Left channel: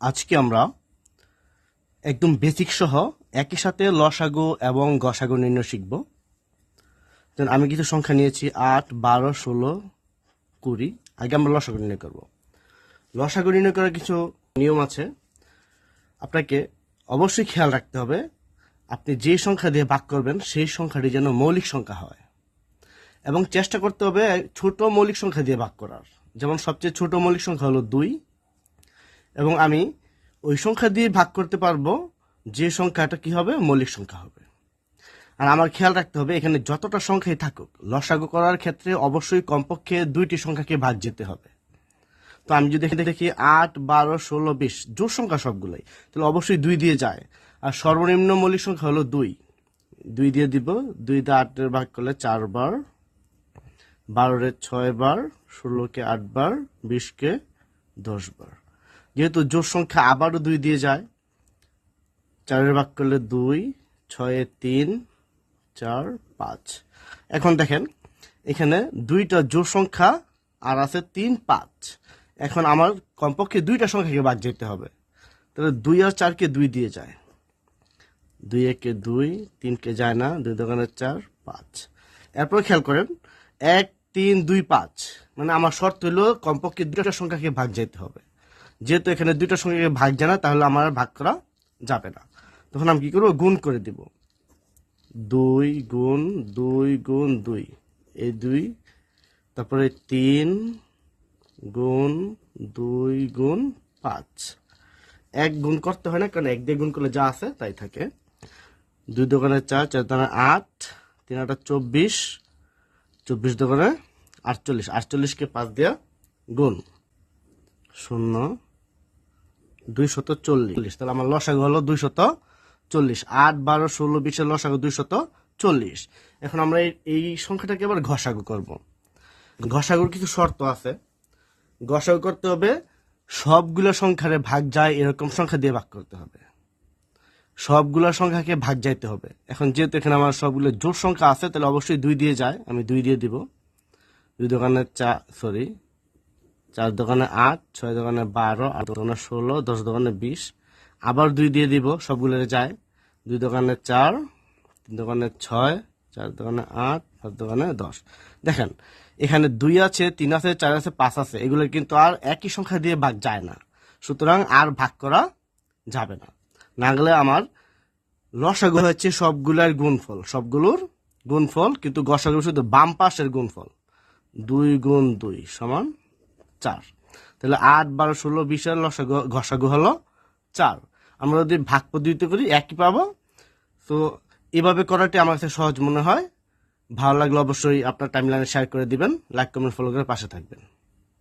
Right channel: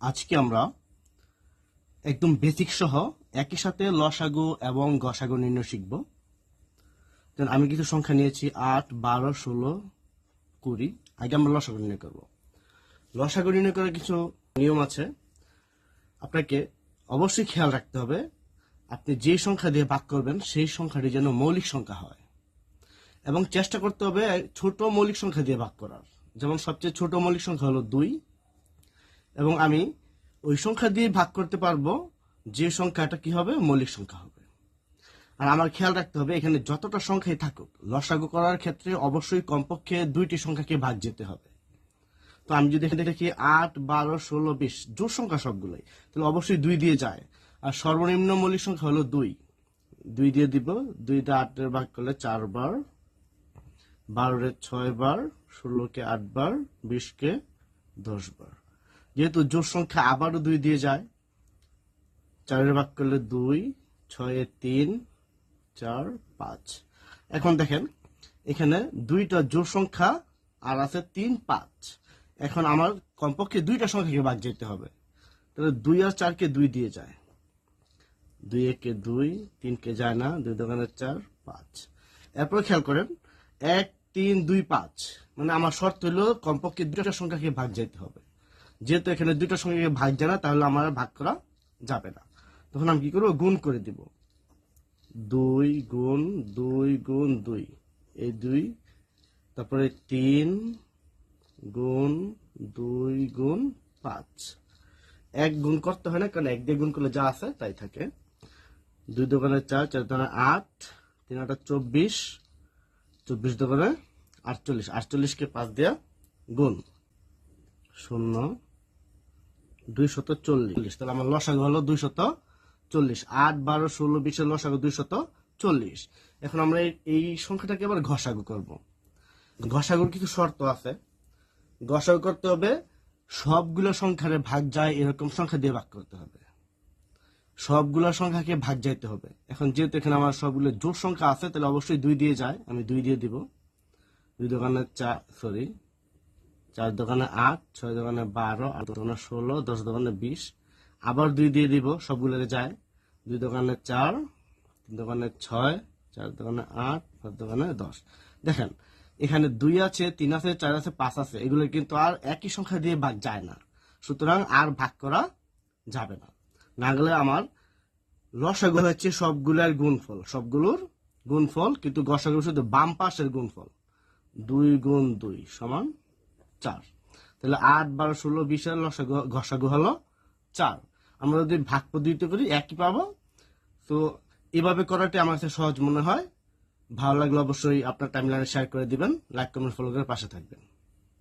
আজকে আমরা একদম বেসিক সহ একই সাথে লসাগু এবং গসাগু নির্ণয় শিখব। আমি কিছু সংখ্যা নিয়েছি, আট, বারো, ষোলো, কুড়ি। আগে আমরা লসাগু নির্ণয় করব। লসাগু নির্ণয় করার কিছু নিয়ম আছে। আপনাকে অবশ্যই খেয়াল রাখতে হবে, আপনি যে সংখ্যা দিয়ে ভাগ করবেন, সেই সংখ্যাটি যেন মৌলিক সংখ্যা হয়। এবং চেষ্টা করতে হবে ছোট মৌলিক সংখ্যা দিয়ে ভাগ করার। যেমন সবচেয়ে ছোট মৌলিক সংখ্যা হলো দুই এবং আমি ওই সংখ্যা দিয়ে ভাগ করতে পারব যে সংখ্যাটা কি হবে? মৌলিক সংখ্যা হবে। আর আমার খেয়াল রাখতে হবে, এখানে যতটা সংখ্যাই থাকুক, লসাগু করার ক্ষেত্রে অবশ্যই কমপক্ষে দুইটি সংখ্যাকে ভাগ যেতে হবে। তো আমি যদি এখানে দেখি আট, বারো, ষোলো, বিশ জোর সংখ্যা সবগুলোই, তাহলে অবশ্যই দুই দিয়ে যায়। আর সর্বনিম্ন মৌলিক সংখ্যা হলো দুই। দুই দিয়ে দিব, দুই দিয়ে আটের ভাগ করলে চারবার বারোরে ছয় বার, ষোলোকে আট বার, বিশকে দশ বার। যেহেতু জোর সংখ্যা আবারও দুই দিয়ে যায়, চারের ভাগ করলে দুই, ছয়ে তিন, চার, পাঁচ। এখন দেখেন, এখানে দুইটা জোর সংখ্যা আর আছে তিন, পাঁচ। এখন আমার কমপক্ষে দুইটা সংখ্যাকে বাদ যেতে হবে। তাহলে দুই আর চারকে দুই দিয়ে যায়। দুই একে দুই, তিনকে যায় না, দুই দোকানে চার, পাঁচ। এরপর খেয়াল করেন, এক, তিন, দুই, পাঁচ। মানে আমার শর্ত হলো কমপক্ষে দুটা সংখ্যাকে ভাগ যেতে হবে। যেহেতু এখানে দুইটা সংখ্যাকে ভাগ যায় না তাহলে আমার আর ভাগ করা যাবে না। তখন আমি কি করব? গুণ করে দিব। দুই গুণ দুই গুণ, দুই। এই দুই, তারপরে তিন গুণ, দুই গুণ, পাঁচ। এক গুণ করতে হয় না, কারণ এক দিয়ে গুণ করলে যা আছে তাই থাকে। দুই দোকানে চার চার দোকানে আট, তিন আটা চব্বিশ চব্বিশ দোকানে আটচল্লিশ। আটচল্লিশকে পাঁচ দিয়া গুণ। শূন্য। দুই শত চল্লিশ। তাহলে আমার লসাগু হলো দুই শত চল্লিশ। আট, বারো, ষোলো বিশের লসাগু দুই শত চল্লিশ। এখন আমরা এই- সংখ্যাটাকে এবার ঘষাগু করব। ঘষাগুর কিছু শর্ত আছে। ঘষাগু করতে হবে, সবগুলো সংখ্যারে ভাগ যায় এরকম সংখ্যা দিয়ে ভাগ করতে হবে। সবগুলো সংখ্যাকে ভাগ যাইতে হবে। এখন যেহেতু এখানে আমার সবগুলো জোর সংখ্যা আছে, তাহলে অবশ্যই দুই দিয়ে যায়। আমি দুই দিয়ে দিব। দুই দোকানে চা সরি চার দোকানে আট, ছয় দোকানে বারো, আট দোকানে ষোলো, দশ দোকানে বিশ। আবার দুই দিয়ে দিব সবগুলো যায়। দুই দোকানে চার, তিন দোকানে ছয়, চার দোকানে আট, সাত দোকানে দশ। দেখেন, এখানে দুই আছে, তিন আছে, চার আছে, পাঁচ আছে। এগুলো কিন্তু আর একই সংখ্যা দিয়ে ভাগ যায় না। সুতরাং আর ভাগ করা যাবে না। না গেলে আমার লসাগু হচ্ছে সবগুলার গুণফল। সবগুলোর গুণফল, কিন্তু গসাগু শুধু বাম পাশের গুণফল। দুই গুণ দুই সমান চার। তাহলে আট, বারো, ষোলো বিশের লসাগু ঘষাগু হলো চার। আমরা যদি ভাগ পদ্ধতিতে করি, একই পাবো। তো এভাবে করাটি আমার কাছে সহজ মনে হয়। ভালো লাগলে অবশ্যই আপনার টাইমলাইনে শেয়ার করে দিবেন লাইক কমেন্ট ফলো করে পাশে থাকবেন।